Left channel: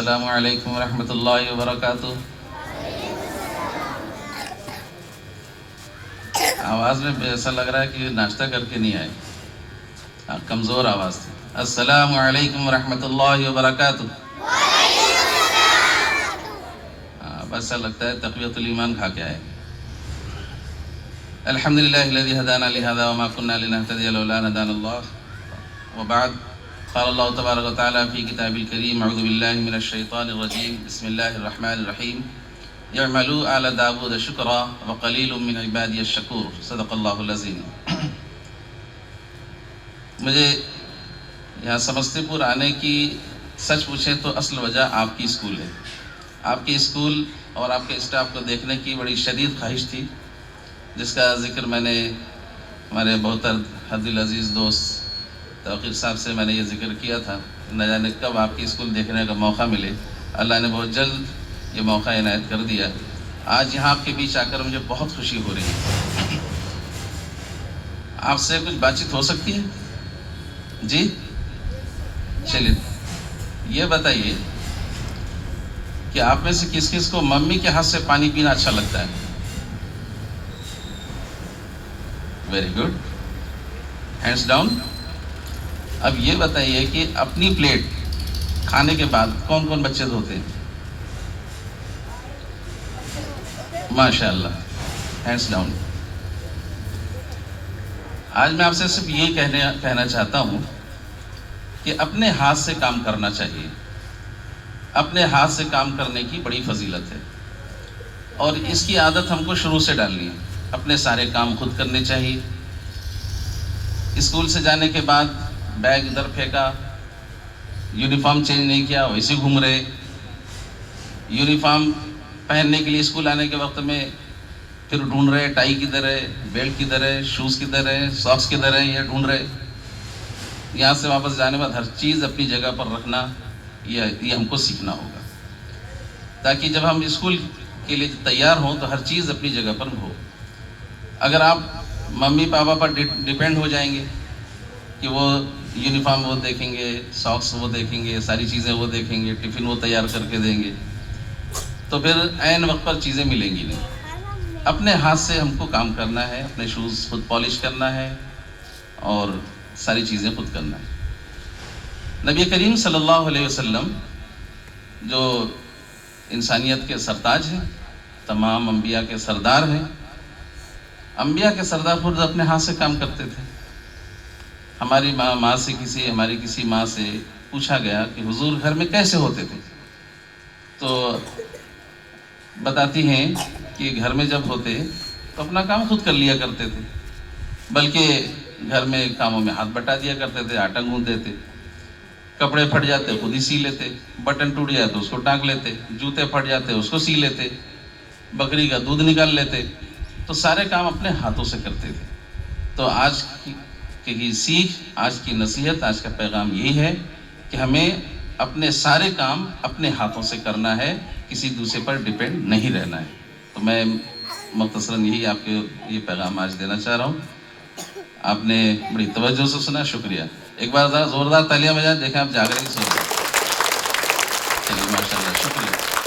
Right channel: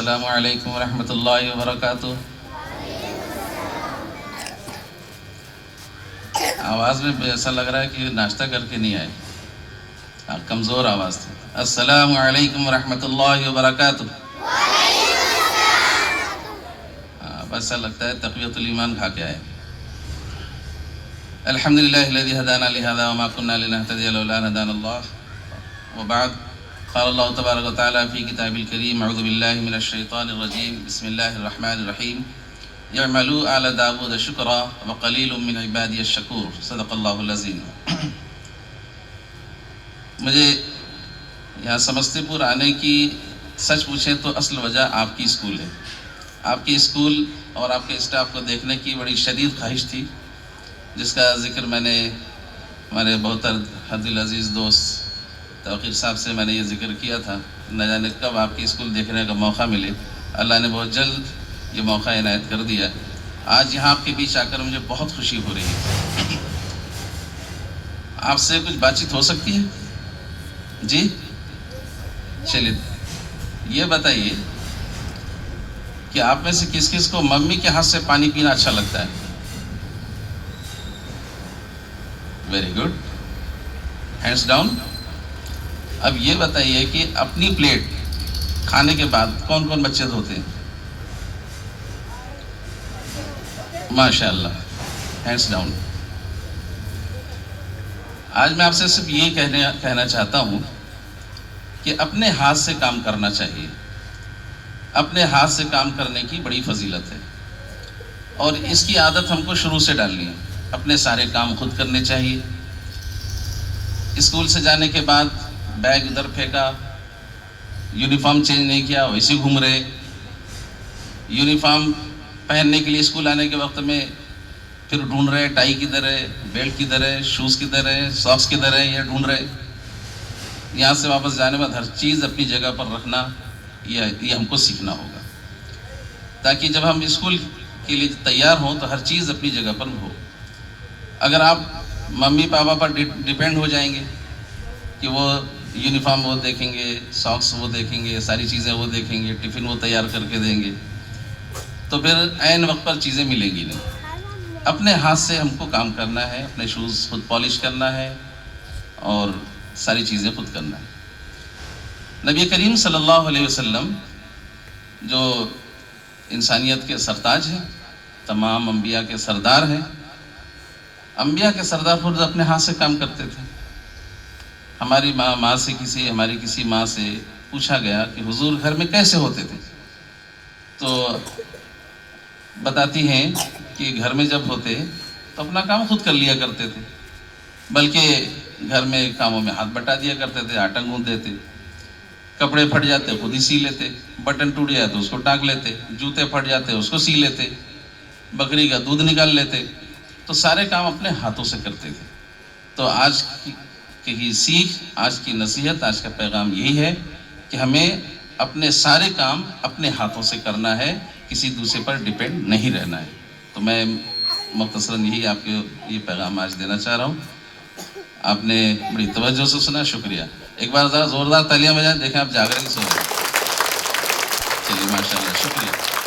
السلام علیکم ورحمۃ اللہ وبرکاتہ۔ آواز میں ایسا لگ رہا ہے کہ ناشتہ کر کے نہیں آئے، کمزور آواز تھی۔ السلام علیکم ورحمۃ اللہ وبرکاتہ۔ بس ایسا لگتا ہے تقویۃ الایمان کھا کے آئے۔ الحمدللہ الذی ہدانا لہذا وما كنا لنهتدی لولا ان هدانا اللہ، وبعد قال اللہ تبارک وتعالی فی کتاب الکریم اعوذ باللہ من الشیطان الرجیم بسم اللہ الرحمن الرحیم اعملوا آل داود شکرا وقلیل من عبادی الشکور، صدق اللہ العظیم۔ مجھے یہاں سمستی پور آنے کی سچ پوچھیں تو اصل وجہ آپ کی اسکول ہے۔ آپ کی اسکول اور آپ کے اسٹاف کو دیکھنے کی بڑی شدید خواہش تھی، جس کا ذکر میں نے ہمارے محترم حد العزیز دوست توقیر صاحب سے میں نے یہ ذکر کیا تھا۔ نہ جانے کب آپ کی اسکول دیکھنے کا موقع ملے، اللہ نے بہت جلد یہ موقع عنایت کر دیا۔ آج یہاں آپ کے بیچ آ کر مجھے بہت خوشی ہو رہی ہے۔ آپ سے کچھ بات چیت ہو سکتی ہے؟ جی چلیے، یہ بتائیے کہ آپ میں سے کس کس کو ممی کے ہاتھ سے پانی پینا اچھا لگتا ہے؟ Very good, hands down. اب یہ بتائیے کہ اپنی پلیٹ کھانے کے بعد کون کون بچے دھوتے ہیں؟ ماشاء اللہ، ہینڈز ڈاؤن۔ آج میں آپ سے صرف یہ کہنا چاہتا ہوں کہ اپنے ہاتھ سے کام کرنا چاہیے۔ اپنے ہاتھ سے کام کرنے کی بڑی فضیلت ہے، اور اس کی عادت ہم کو شروع سے ڈالنی ہے۔ اپنے سارے کام خود کرنے چاہیے۔ اسکول سے جانے کے بعد بیگ ادھر پھینکا، یونیفارم چینج نہیں کیا، ویسے گھوم رہے۔ یونیفارم پہننے کے لیے اسکول آنے کے وقت میں پھر ڈھونڈ رہے ٹائی کدھر ہے، بیلٹ کدھر ہے، شوز کدھر ہے، ساکس کدھر ہے، یہ ڈھونڈ رہے۔ یہاں سے واپس جانے بعد ہر چیز اپنی جگہ پر رکھنا، یہ ہم کو سیکھنا ہوگا، تاکہ جب ہم اسکول کے لیے تیار ہوں تو ہر چیز اپنی جگہ پر ہو۔ اگر آپ ممی پاپا پر ڈیپینڈ ہو جائیں گے کہ وہ یونیفارم وہ دیکھیں گے، ساکس وہ دیکھیں گے، ساری چیزیں وہ دیکھیں گے، ٹفن وہ تیار کر کے دیں گے، تو پھر عین وقت پر چیزیں ملیں گی نہیں۔ اپنے ہاتھ سے ہم کو کام کرنا ہے، اپنے شوز خود پالش کرنا ہے اور ساری چیزیں خود کرنا ہے۔ نبی کریم صلی اللہ علیہ وسلم جو انسانیت کے سرتاج ہیں، تمام انبیاء کے سردار ہیں، انبیاء کے سردار خود اپنے ہاتھ سے کام کرتے تھے۔ ہماری ہماری کسی ماں سے پوچھا گیا کہ حضور گھر میں کیسے ہوتے تھے، تو بتاتی ہیں کہ گھر میں جب ہوتے تو اپنا کام خود کر لیا کرتے تھے، بلکہ گھر میں کاموں میں ہاتھ بٹا دیا کرتے تھے، آٹا گوندھ دیتے، کپڑے پھٹ جاتے خود ہی سی لیتے، بٹن ٹوٹ جاتے اس کو ٹانک لیتے، جوتے پھٹ جاتے اس کو سی لیتے، بکری کا دودھ نکال لیتے، تو سارے کام اپنے ہاتھوں سے کرتے تھے۔ تو آج کی سیکھ، آج کی نصیحت، آج کا پیغام یہی ہے کہ ہمیں اپنے سارے کام اپنے ہاتھوں سے کرنا ہے، کسی دوسرے پر ڈیپینڈ نہیں رہنا ہے۔ تو میں مختصراً یہی آپ کے یہ پیغام آج دینا چاہ رہا ہوں۔ آپ نے بڑی توجہ سے سنا، شکریہ۔ ایک بار ذرا زوردار تالیاں بجائیں، دیکھیں آپ جاگ رہے ہیں، سن رہے ہیں۔ چلیے ماشاء اللہ، شکریہ۔